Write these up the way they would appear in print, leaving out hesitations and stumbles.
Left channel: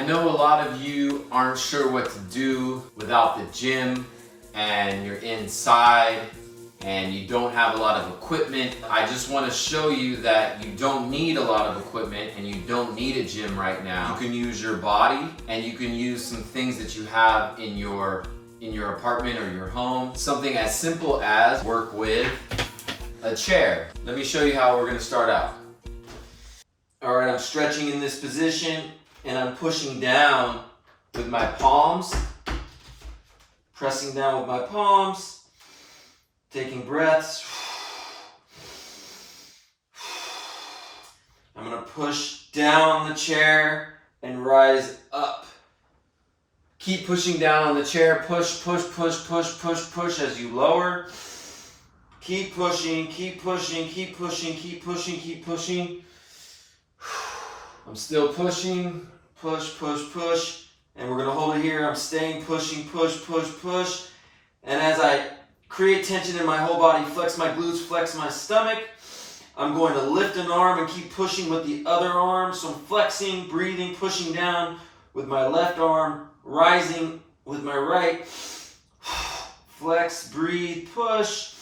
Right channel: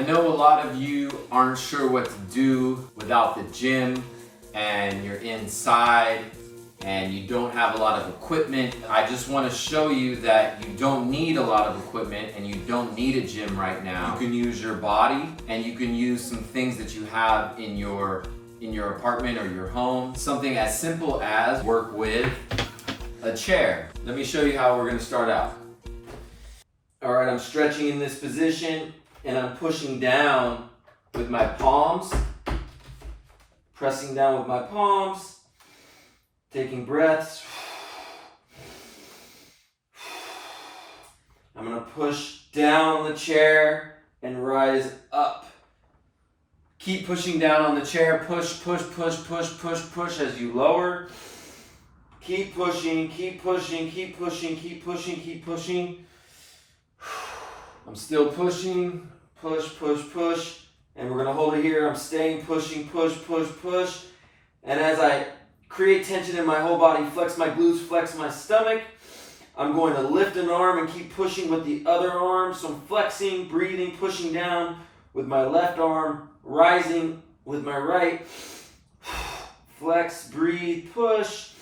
I know a lot of you aren't sure what to do without the gym and you're inside and you don't have a lot of equipment. I just want to show you that you don't need a lot of equipment and you don't need a gym right now. You can use your body and you can use some things that you have in your apartment or your home. Something as simple as work with a chair. Let me show you how we're going to start out. All right, I'm stretching in this position and I'm pushing down with my palms, pressing down with my palms, taking breaths. I'm gonna push down the chair and rise up. Keep pushing down on the chair, push, push, push, push, push, push as you lower. Keep pushing, keep pushing, keep pushing, keep pushing, keep pushing. I'm still pushing, push, push, push, and we're gonna hold it here. I'm staying pushing, push, push, push. And as I create tension in my whole body, flex my glutes, flex my stomach, I'm going to lift an arm and keep pushing with the other arm. So I'm flexing, breathing, pushing down with my left arm, rising with my right. Flex, breathe, push,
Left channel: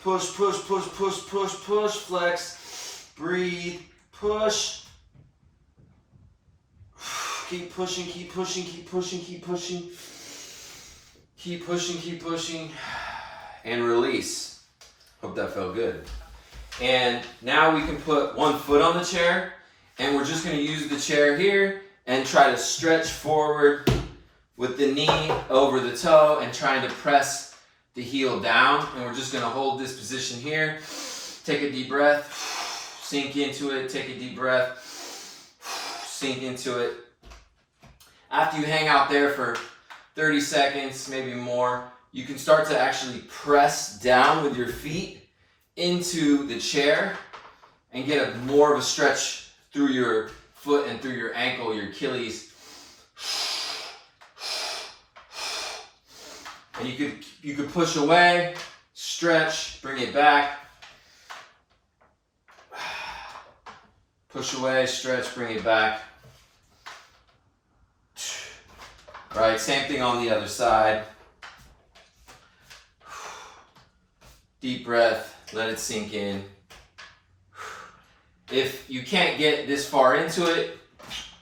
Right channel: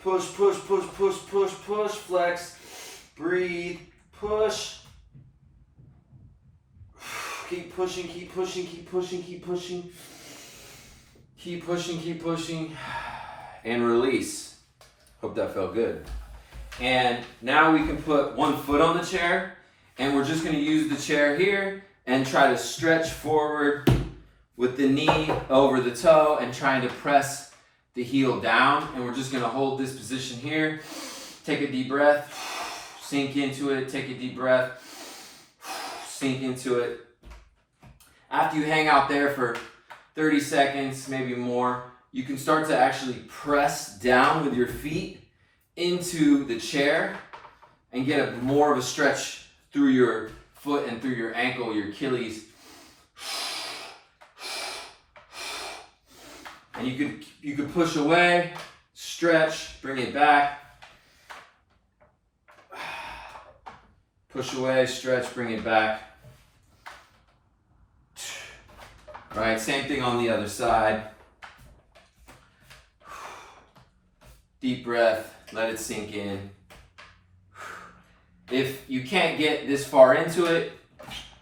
push, push, push, push, push, push, flex, breathe, push. Keep pushing, keep pushing, keep pushing, keep pushing. Keep pushing, keep pushing. And release. Hope that felt good. And now we can put one foot on the chair and we're just going to use the chair here and try to stretch forward with the knee over the toe and trying to press the heel down. And we're just going to hold this position here. Take a deep breath. Sink into it. Take a deep breath. Sink into it. After you hang out there for 30 seconds, maybe more, you can start to actually press down with your feet into the chair and get more of a stretch through your foot and through your ankle, your Achilles. And you could push away, stretch, bring it back. Push away, stretch, bring it back. All right, same thing on the other side. Deep breath, let it sink in. If you can't get this far into it,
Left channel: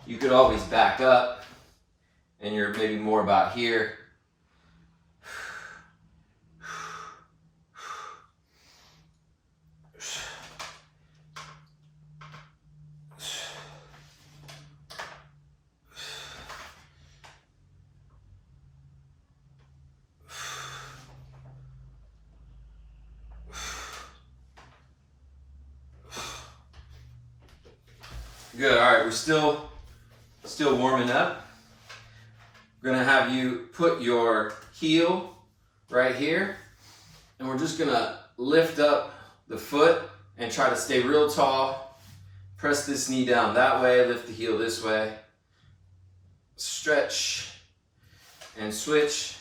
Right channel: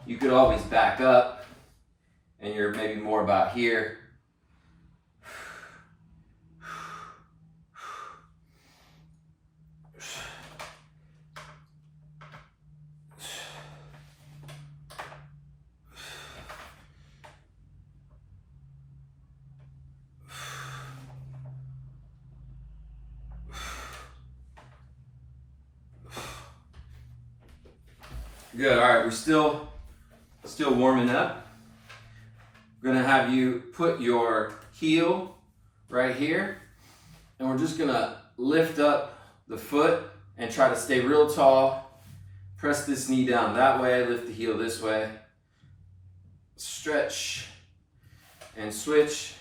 you could always back up and you're maybe more about here. Good, all right, we're still warming up. We're gonna have you put your heel right here, and we're just gonna lift up the foot and try to stay real tall. Press this knee down that way, lift the heel this way. Stretch and switch.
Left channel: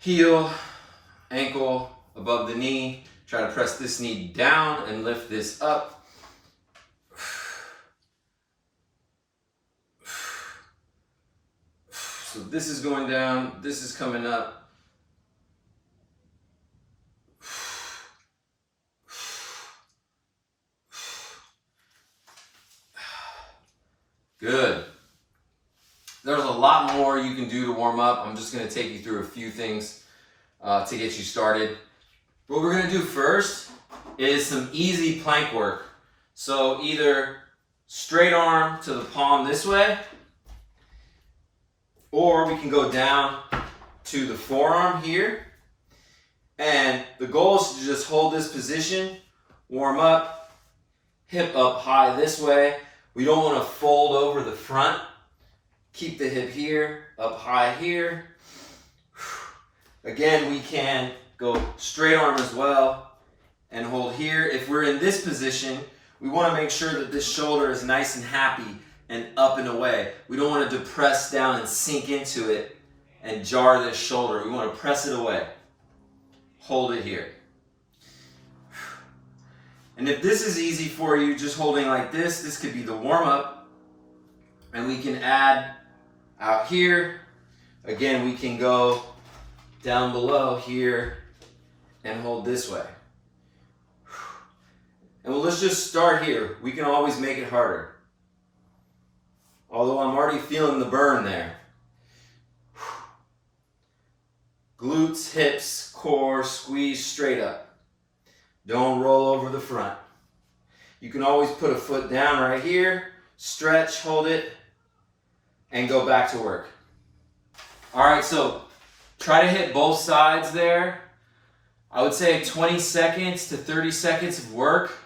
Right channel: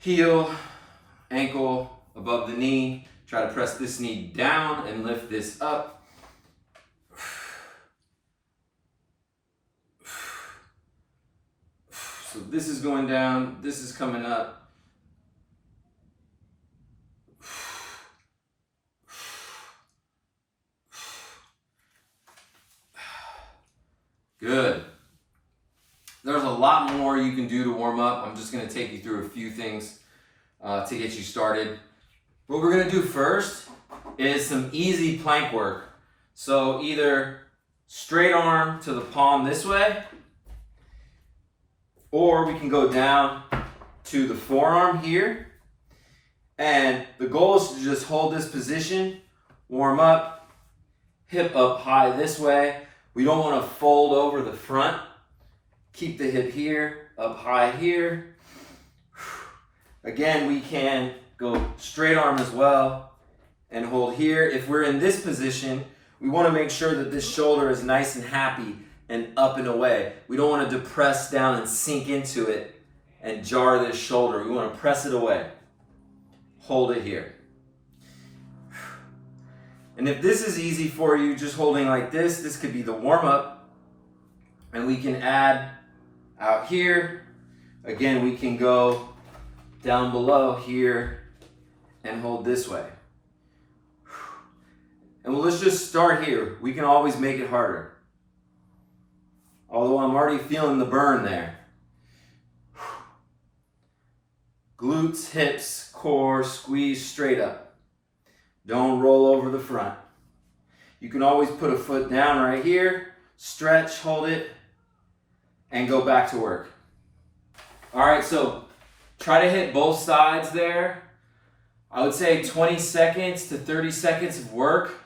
Heel, ankle above the knee. Try to press this knee down and lift this up. So this is going down, this is coming up. Good. There's a lot more you can do to warm up. I'm just gonna take you through a few things to get you started. What we're gonna do first is some easy plank work. So either straight arm to the palm this way, or we can go down to the forearm here. And the goal is to just hold this position, warm up, hip up high this way. We don't want to fold over the front. Keep the hip here, up high here. Again, we can go straight arm as well and hold here. If we're in this position, we want to make sure that this shoulder is nice and happy and up and away. We don't want to depress down and sink into it and jar this shoulder. We want to press it away. Hold it here. And if this is easy for you, just holding like this could be the warm up. And we can add out here. Again, we can go down below here and hold this way. And let's just start here. We can always make it harder. Although I'm already feeling the burn there. Glutes, hips, core, squeeze straight up. Don't roll over the front. You can always put a foot down right here, stretch, hold it, and go back to work. All right, so try to hit both sides there. I would say 20 seconds to 30 seconds of work.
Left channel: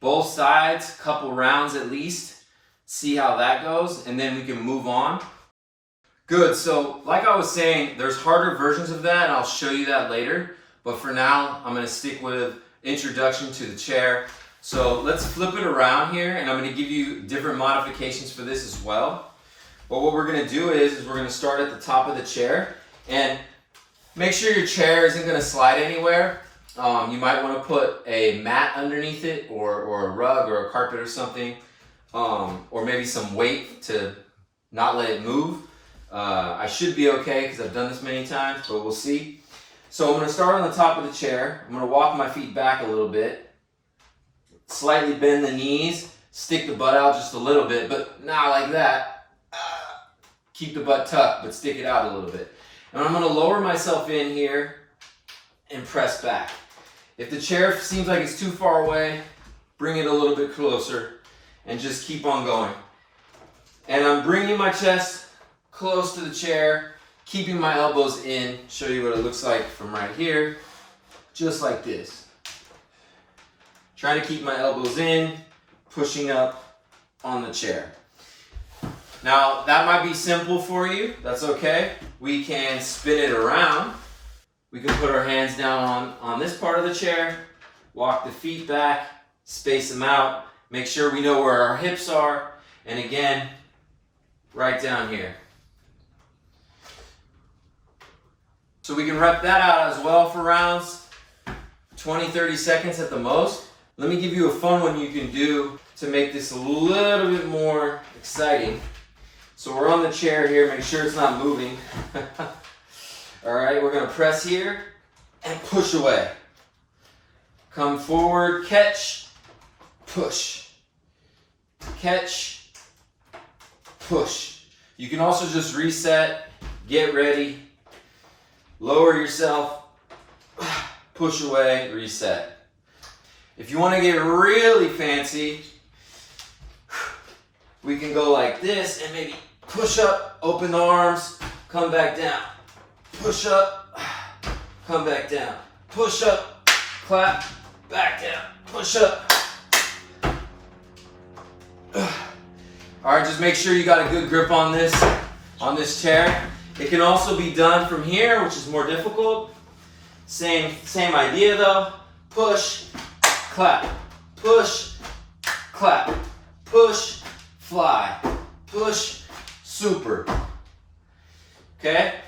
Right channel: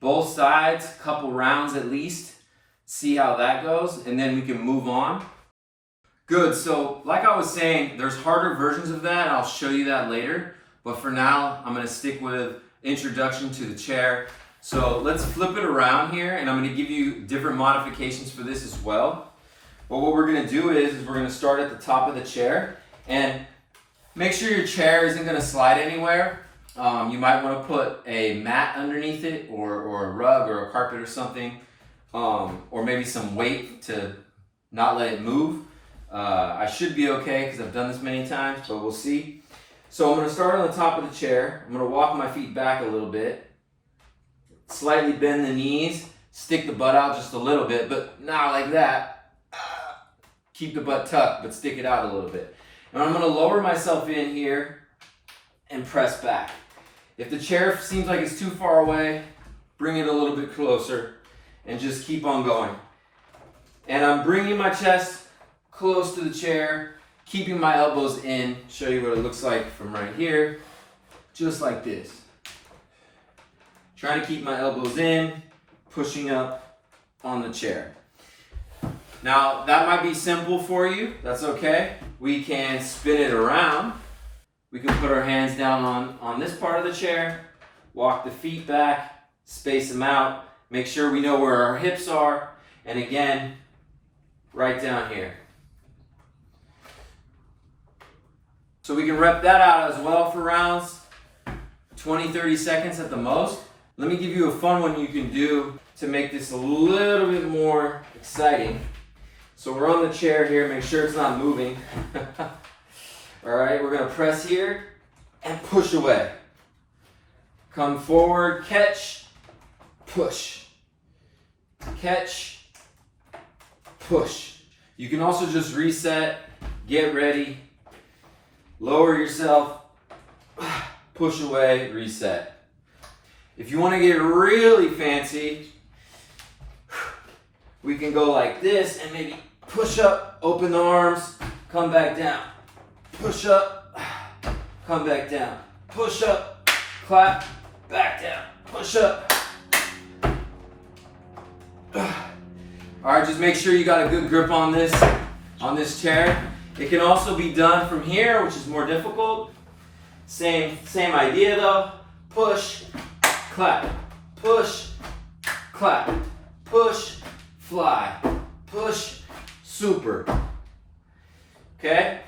Both sides, couple rounds at least. See how that goes, and then we can move on. Good, so like I was saying, there's harder versions of that, and I'll show you that later. But for now, I'm gonna stick with introduction to the chair. So let's flip it around here, and I'm gonna give you different modifications for this as well. But what we're gonna do is we're gonna start at the top of the chair, and make sure your chair isn't gonna slide anywhere. You might wanna put a mat underneath it, or a rug, or a carpet or something, or maybe some weight to not let it move. I should be okay because I've done this many times, but we'll see. So I'm gonna start on the top of the chair. I'm gonna walk my feet back a little bit, slightly bend the knees, stick the butt out just a little bit, but not like that. Keep the butt tucked, but stick it out a little bit. And I'm gonna lower myself in here and press back. If the chair seems like it's too far away, bring it a little bit closer and just keep on going. And I'm bringing my chest close to the chair, keeping my elbows in. Show you what it looks like from right here, just like this. Trying to keep my elbows in, pushing up on the chair. Now, that might be simple for you. That's okay. We can spin it around. We can put our hands down on this part of the chair, walk the feet back, space them out, make sure we know where our hips are, and again, right down here. So we can rep that out as well for rounds, 20, 30 seconds at the most. Let me give you a fun one you can do to make this a little bit more exciting. So we're on the chair here, make sure it's not moving. All right, we're gonna press here and push away. Come forward, catch, push. Catch, push. You can also just reset, get ready, lower yourself, push away, reset. If you wanna get really fancy, we can go like this and maybe push up, open the arms, come back down. Push up, come back down. Push up, clap, back down. Push up. All right, just make sure you got a good grip on this chair. It can also be done from here, which is more difficult. Same idea though. Push, clap, push, clap, push, fly, push, super. Okay?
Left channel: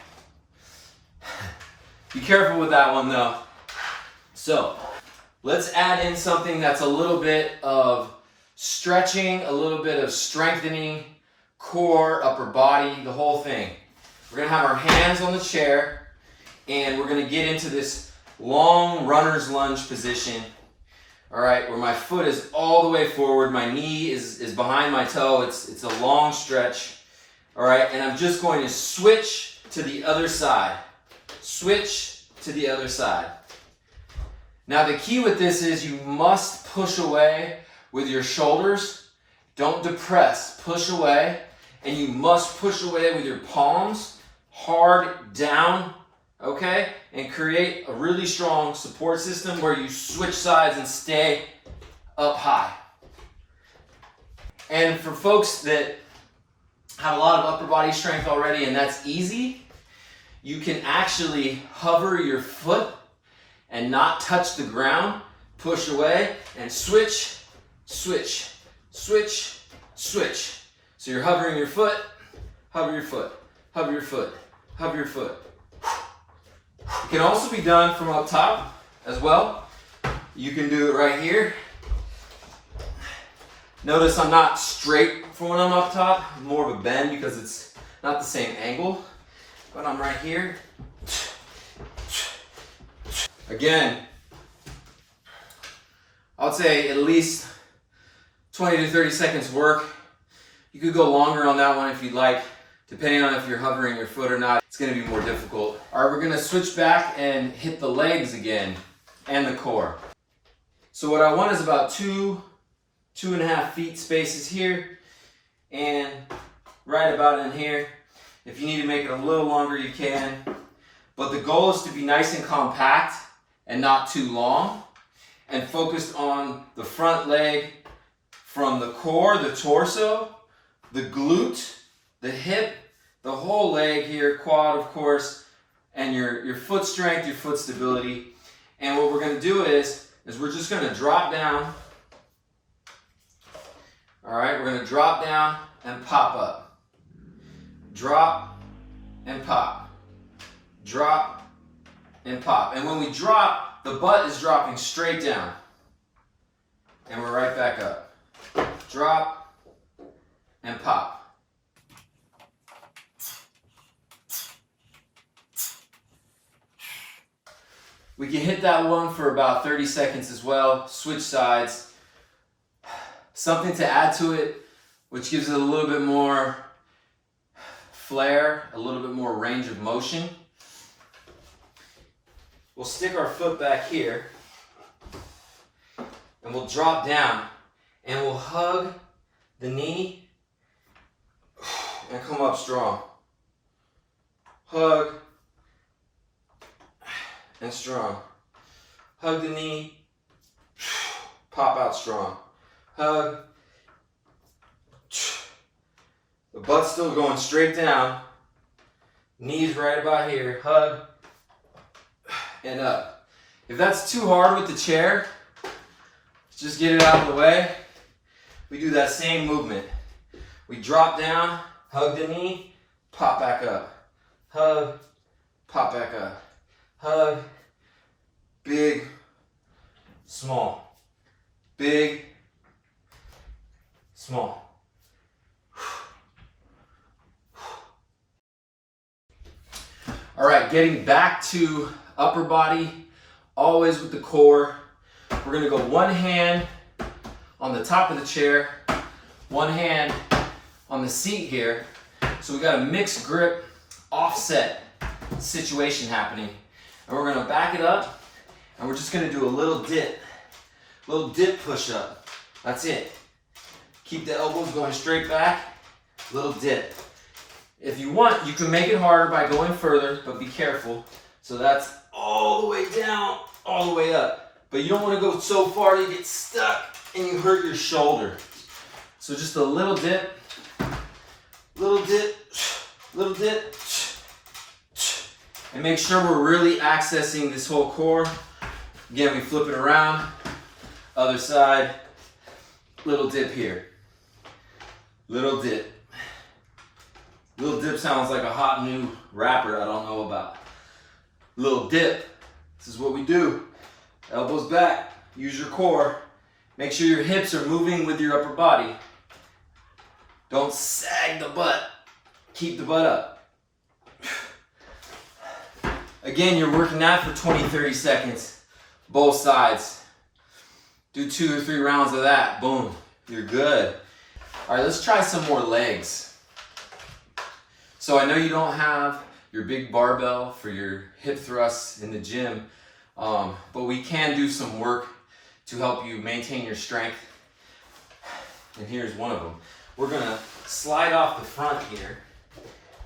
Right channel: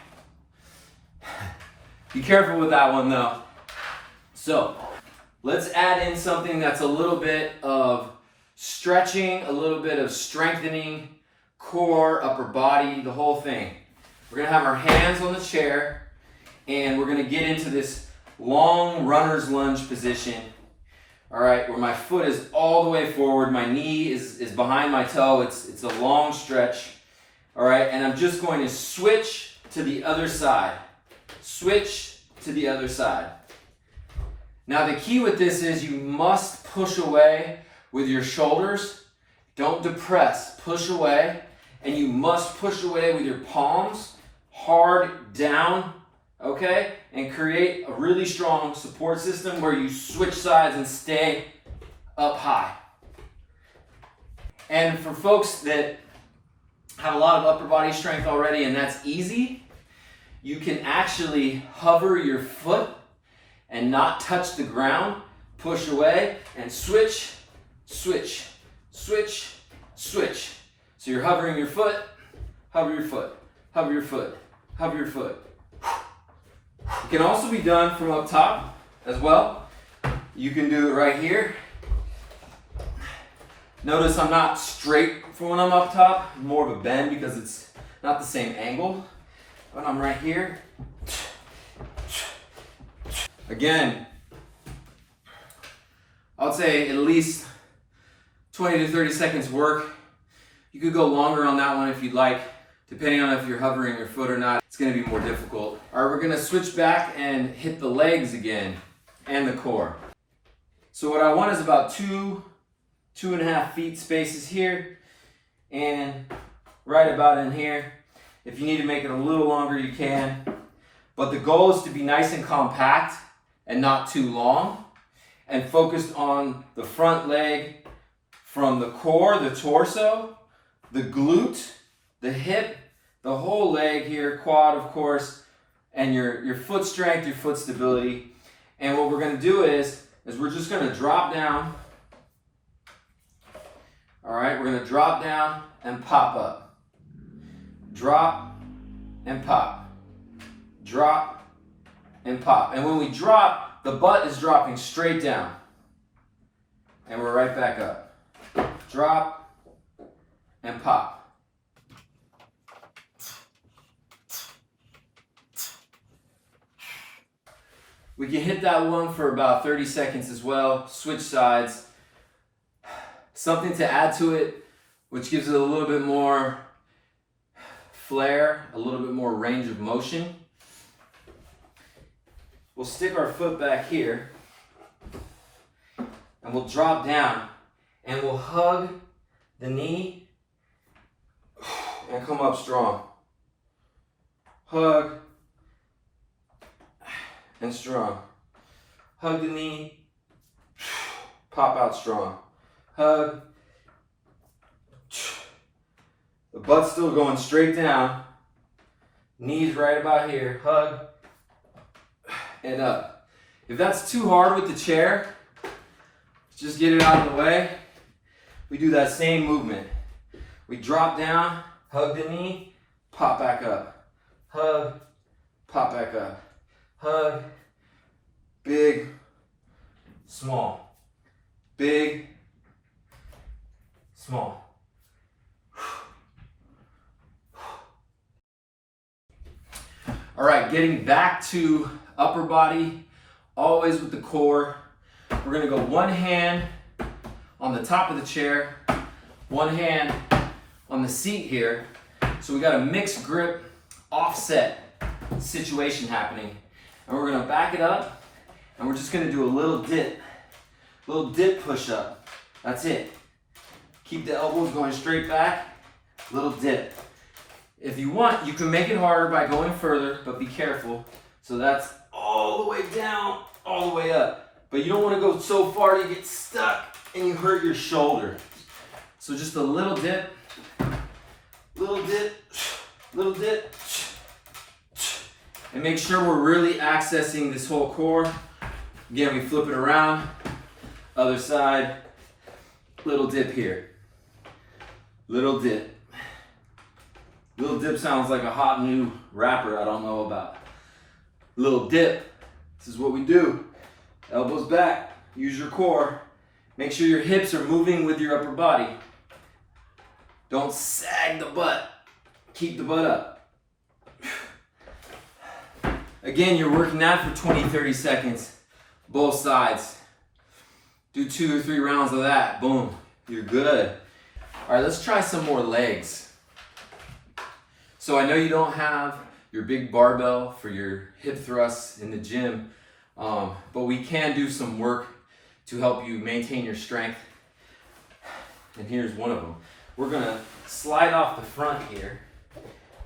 Be careful with that one though. So let's add in something that's a little bit of stretching, a little bit of strengthening, core, upper body, the whole thing. We're gonna have our hands on the chair and we're gonna get into this long runner's lunge position. All right, where my foot is all the way forward, my knee is behind my toe, it's a long stretch. All right, and I'm just going to switch to the other side. Switch to the other side. Now the key with this is you must push away with your shoulders. Don't depress, push away. And you must push away with your palms, hard down, okay? And create a really strong support system where you switch sides and stay up high. And for folks that have a lot of upper body strength already and that's easy, you can actually hover your foot and not touch the ground, push away, and switch, switch, switch, switch. So you're hovering your foot, hover your foot, hover your foot, hover your foot. It can also be done from up top as well. You can do it right here. Notice I'm not straight for when I'm up top, more of a bend because it's not the same angle, but I'm right here. Again, I would say at least 20 to 30 seconds work. You could go longer on that one if you'd like, depending on if you're hovering your foot or not. It's gonna be more difficult. All right, we're gonna switch back and hit the legs again and the core. So what I want is about 2.5 feet spaces here and right about in here. If you need to make it a little longer, you can. But the goal is to be nice and compact and not too long, and focused on the front leg from the core, the torso, the glute, the hip, the whole leg here, quad of course, and your foot strength, your foot stability. And what we're gonna do is we're just gonna drop down. All right, we're gonna drop down and pop up. Drop and pop. Drop and pop. And when we drop, the butt is dropping straight down. And we're right back up. Drop and pop. We can hit that one for about 30 seconds as well. Switch sides. Something to add to it, which gives it a little bit more flair, a little bit more range of motion. We'll stick our foot back here and we'll drop down and we'll hug the knee and come up strong. Hug and strong. Hug the knee, pop out strong. Hug. The butt's still going straight down. Knees right about here. Hug. And up. If that's too hard with the chair, just get it out of the way. We do that same movement. We drop down, hug the knee, pop back up. Hug, pop back up. Hug, big, small. Big, small. All right, getting back to upper body, always with the core. We're gonna go one hand on the top of the chair, one hand on the seat here. So we got a mixed grip, offset situation happening. And we're gonna back it up and we're just gonna do a little dip push up. That's it. Keep the elbows going straight back, little dip. If you want, you can make it harder by going further, but be careful. So that's all the way down, all the way up. But you don't want to go so far to get stuck and you hurt your shoulder. So just a little dip, little dip, little dip. And make sure we're really accessing this whole core. Again, we flip it around, other side, little dip here. Little dip. Lil Dip sounds like a hot new rapper I don't know about. Lil Dip. This is what we do. Elbows back. Use your core. Make sure your hips are moving with your upper body. Don't sag the butt. Keep the butt up. Again, you're working that for 20, 30 seconds. Both sides. Do 2 or 3 rounds of that. Boom. You're good. All right, let's try some more legs. So I know you don't have your big barbell for your hip thrusts in the gym, but we can do some work to help you maintain your strength. And here's one of them. We're gonna slide off the front here,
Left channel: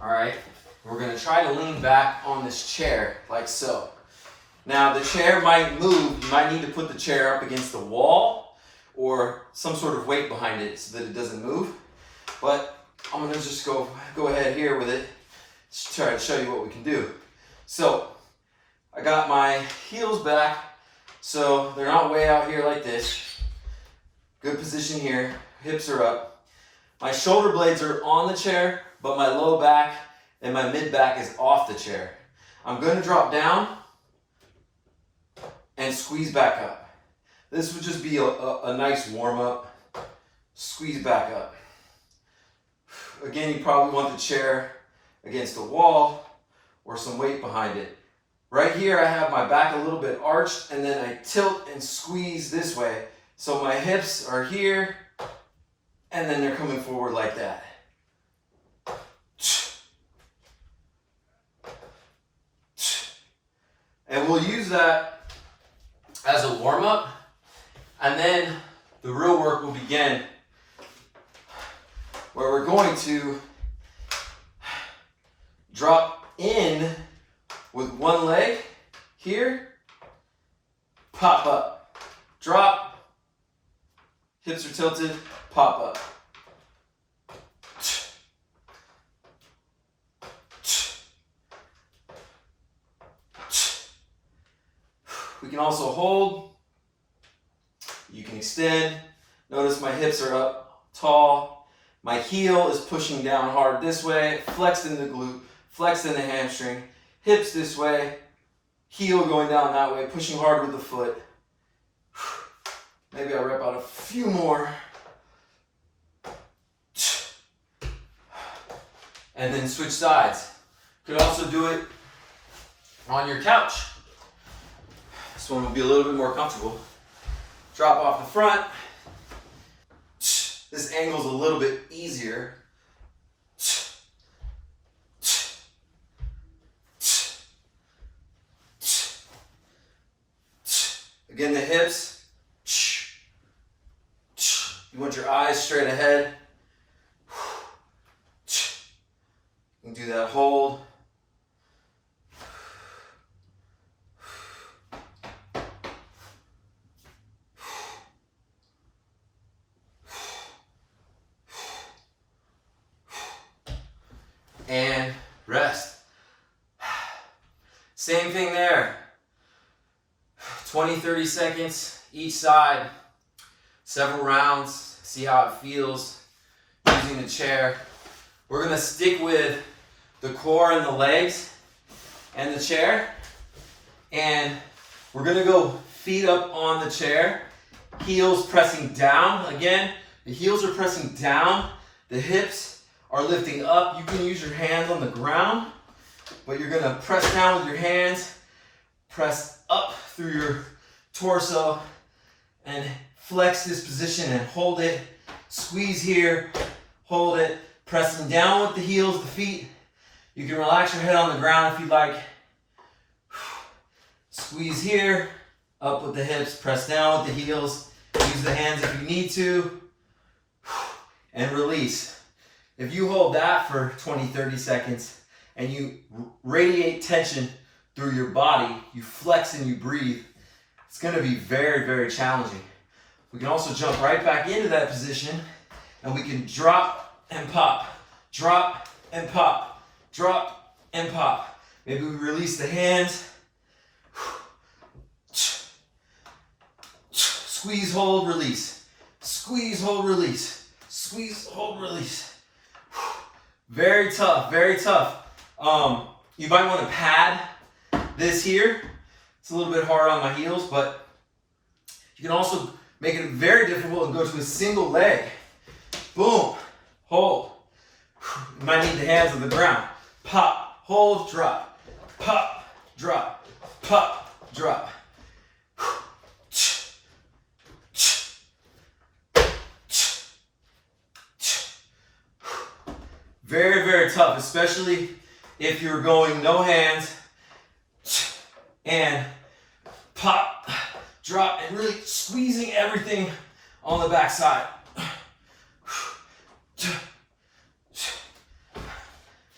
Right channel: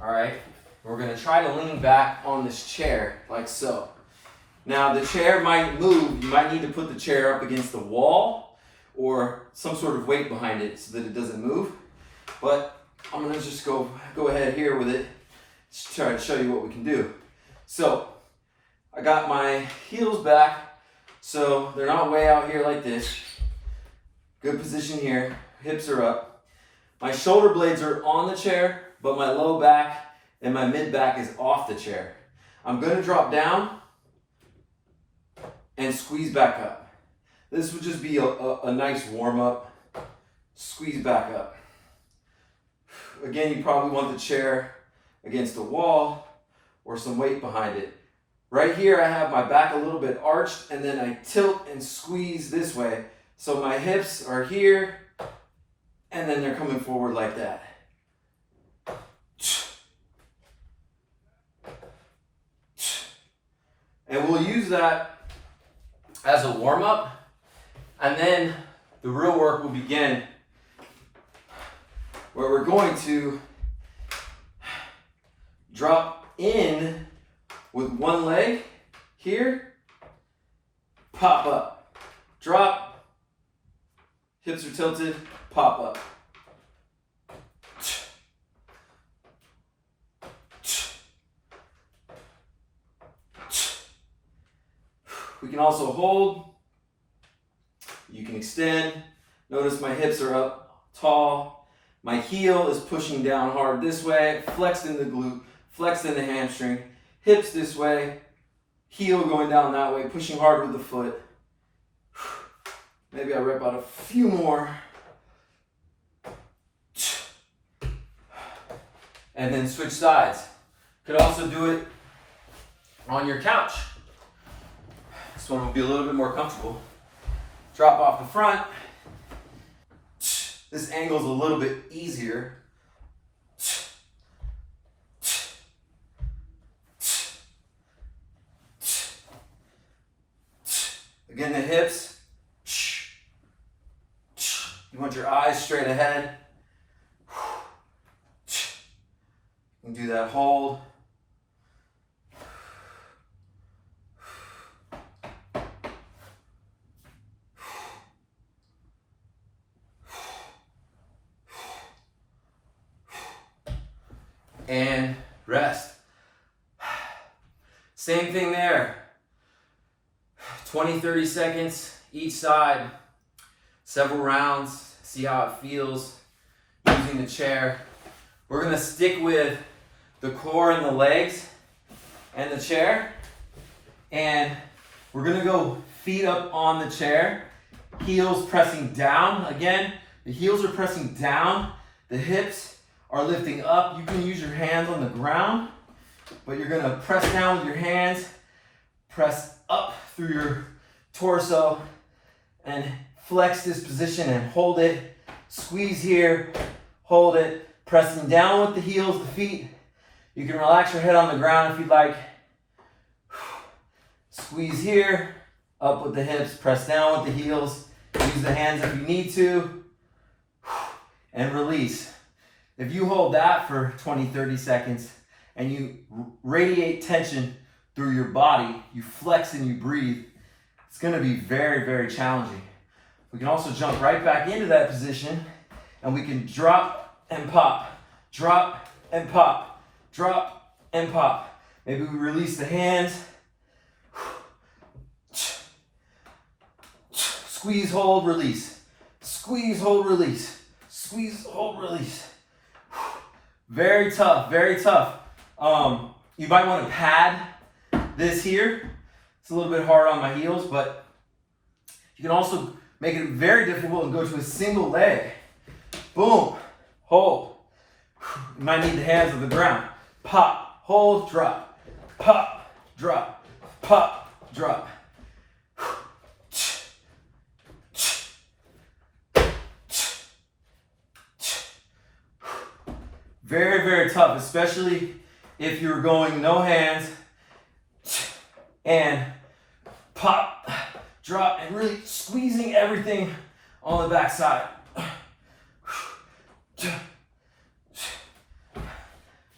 all right? We're gonna try to lean back on this chair like so. Now the chair might move. You might need to put the chair up against the wall or some sort of weight behind it so that it doesn't move. But I'm gonna just go ahead here with it, just try to show you what we can do. So I got my heels back so they're not way out here like this. Good position here, hips are up. My shoulder blades are on the chair, but my low back and my mid back is off the chair. I'm gonna drop down and squeeze back up. This would just be a nice warm up. squeeze back up. Again, you probably want the chair against a wall or some weight behind it. Right here, I have my back a little bit arched, and then I tilt and squeeze this way. So my hips are here, and then they're coming forward like that. And we'll use that as a warm-up, and then the real work will begin, where we're going to drop in with one leg here, pop up, drop, hips are tilted, pop up. We can also hold, you can extend. Notice my hips are up tall. My heel is pushing down hard this way, flexed in the glute, flexed in the hamstring. Hips this way, heel going down that way, pushing hard with the foot. Maybe I'll rep out a few more. And then switch sides. Could also do it on your couch. This one will be a little bit more comfortable. Drop off the front. This angle is a little bit easier. Again, the hips. You want your eyes straight ahead. You can do that hold. And rest. Same thing there. 20, 30 seconds each side, several rounds, see how it feels using the chair. We're gonna stick with the core and the legs and the chair, and we're gonna go feet up on the chair, heels pressing down. Again, the heels are pressing down, the hips are lifting up. You can use your hands on the ground, but you're gonna press down with your hands, press up through your torso, and flex this position and hold it. Squeeze here, hold it, pressing down with the heels, the feet. You can relax your head on the ground if you'd like. Squeeze here, up with the hips, press down with the heels. Use the hands if you need to, and release. If you hold that for 20, 30 seconds and you radiate tension through your body, you flex and you breathe, it's gonna be very, very challenging. We can also jump right back into that position, and we can drop and pop, drop and pop, drop and pop. Maybe we release the hands. Squeeze, hold, release. Squeeze, hold, release. Squeeze, hold, release. Very tough, very tough. You might want to pad this here. It's a little bit hard on my heels, but you can also make it very difficult and go to a single leg. Boom, hold. You might need the hands on the ground. Pop, hold, drop. Pop, drop. Pop, drop. Very, very tough, especially if you're going no hands and pop, drop, and really squeezing everything on the back side.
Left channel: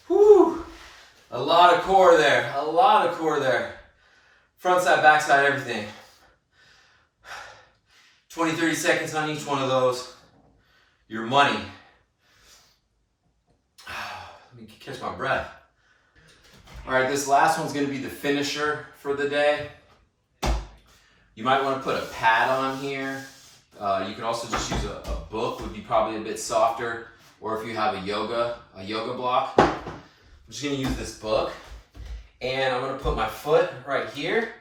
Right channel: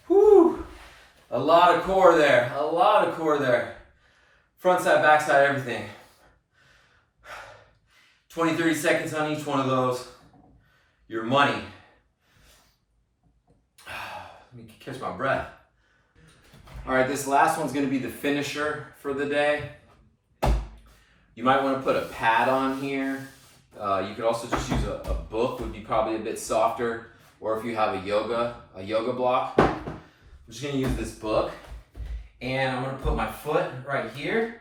Whew. A lot of core there, a lot of core there. Front side, back side, everything. 20, 30 seconds on each one of those. Your money. Let me catch my breath. All right, this last one's gonna be the finisher for the day. You might wanna put a pad on here. You could also just use a book, would be probably a bit softer, or if you have a yoga block. I'm just gonna use this book, and I'm gonna put my foot right here,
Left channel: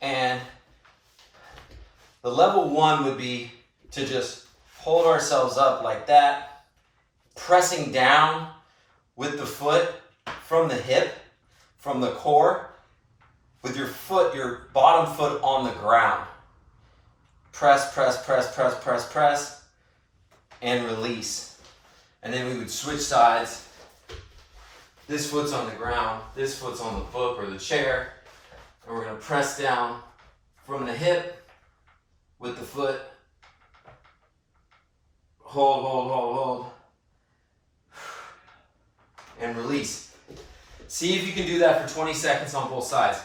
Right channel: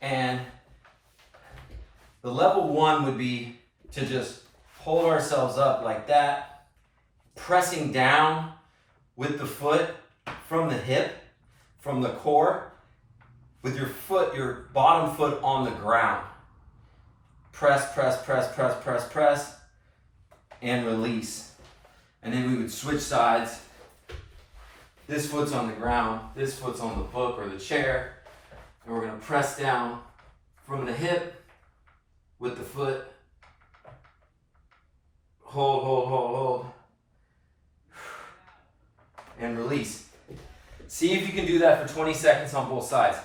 and the level one would be to just hold ourselves up like that, pressing down with the foot from the hip, from the core, with your foot, your bottom foot on the ground. Press, press, press, press, press, press, and release. And then we would switch sides. This foot's on the ground, this foot's on the book or the chair, and we're gonna press down from the hip with the foot. Hold, hold, hold, hold, and release. See if you can do that for 20 seconds on both sides.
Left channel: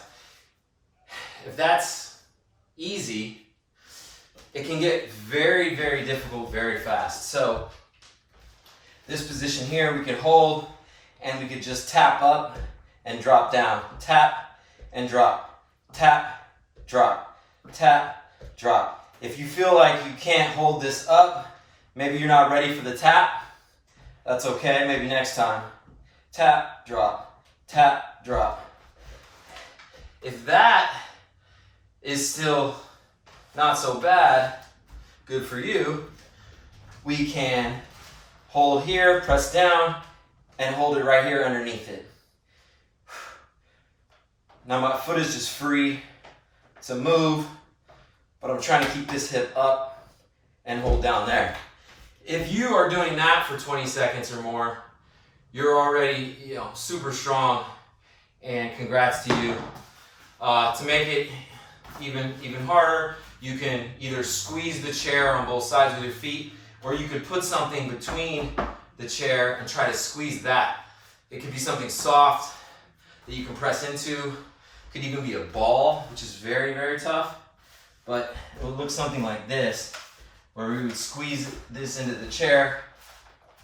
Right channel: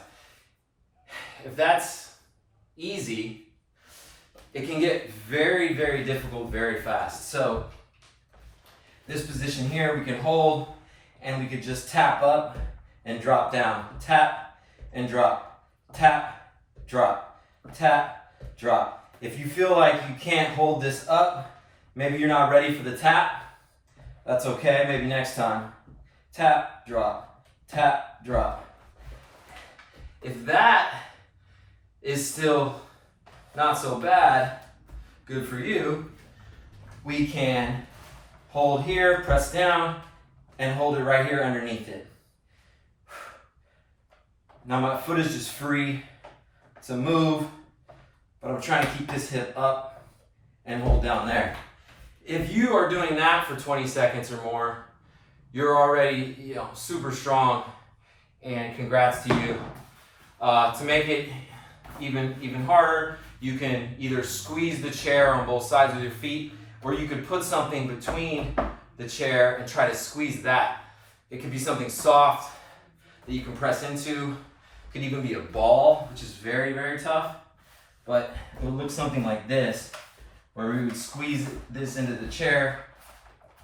If that's easy, it can get very, very difficult very fast. So this position here, we can hold and we could just tap up and drop down. Tap and drop. Tap, drop. Tap, drop. If you feel like you can't hold this up, maybe you're not ready for the tap, that's okay, maybe next time. Tap, drop. Tap, drop. If that is still not so bad, good for you, we can hold here, press down, and hold it right here underneath it. Now my foot is just free. It's a move, but I'm trying to keep this hip up and hold down there. If you are doing that for 20 seconds or more, you're already, super strong, and congrats to you. To make it even harder, you can either squeeze the chair on both sides with your feet, or you could put something between the chair and try to squeeze that. It could be something soft that you can press into. It could even be a ball, which is very, very tough. But it would look something like this, where we would squeeze this into the chair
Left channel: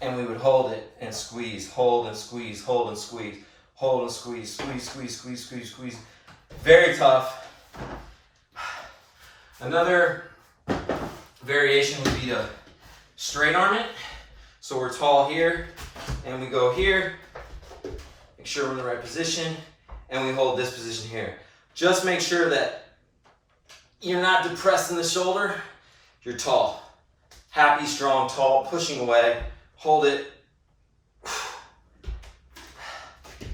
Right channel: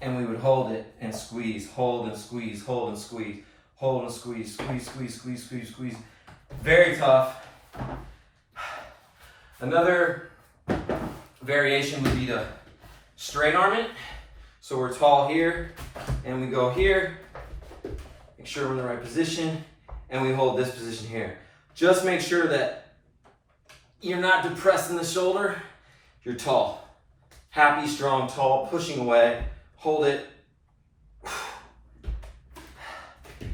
and we would hold it and squeeze, hold and squeeze, hold and squeeze, hold and squeeze, squeeze, squeeze, squeeze, squeeze, squeeze. Very tough. Another variation would be to straight arm it. So we're tall here, and we go here. Make sure we're in the right position, and we hold this position here. Just make sure that you're not depressed in the shoulder. You're tall. Happy, strong, tall, pushing away. Hold it.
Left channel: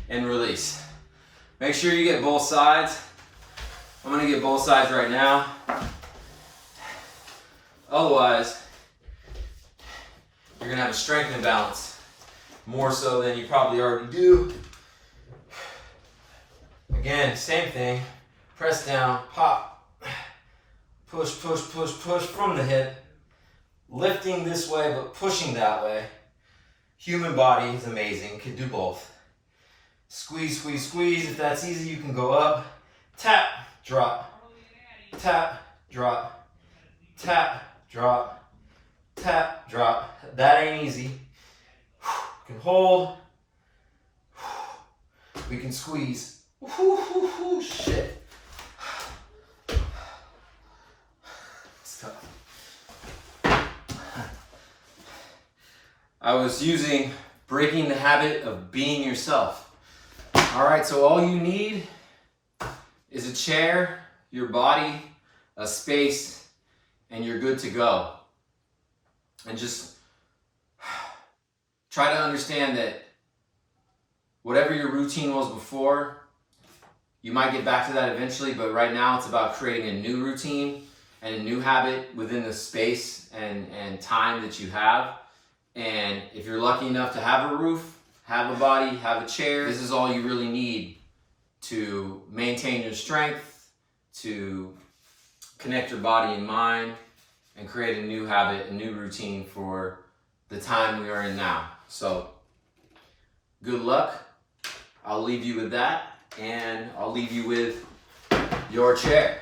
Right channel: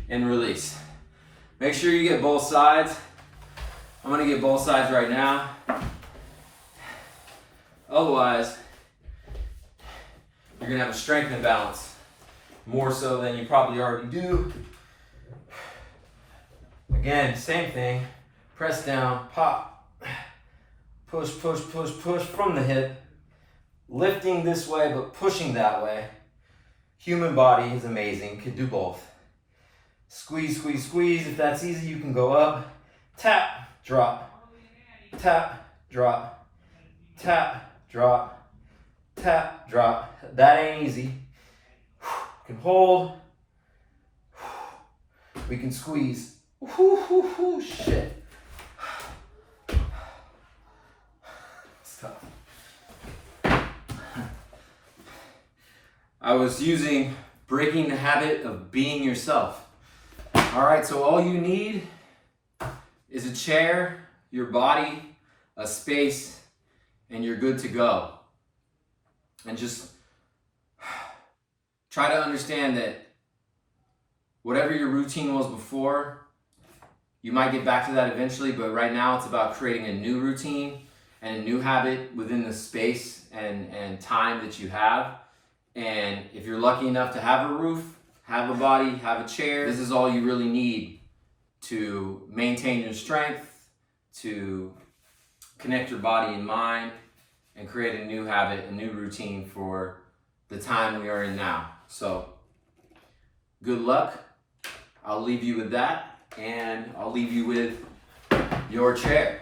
And release. Make sure you get both sides. I'm gonna get both sides right now. Otherwise, you're gonna have a strength imbalance, more so than you probably already do. Again, same thing. Press down, pop, push, push, push, push from the hip. Lifting this way, but pushing that way. Human body is amazing, could do both. Squeeze, squeeze, squeeze. If that's easy, you can go up. Tap, drop. Tap, drop. Tap, drop. Tap, drop. That ain't easy. We can hold. We can squeeze. Shit. It's tough. I was using breaking the habit of being yourself. All right, so all you need is a chair, your body, a space, and you're good to go. And just try to understand that whatever your routine was before, you might get back to that eventually, but right now it's about creating a new routine and a new habit within the space and time that you have. And if you're lucky enough to have a roof, have a body, have a chair, this is all you really need to maintain your strength, to connect your body and mind, and create a new habit, a new routine for the time we are in now. So, good luck. I'll leave you with that, and I'll leave you with your chair.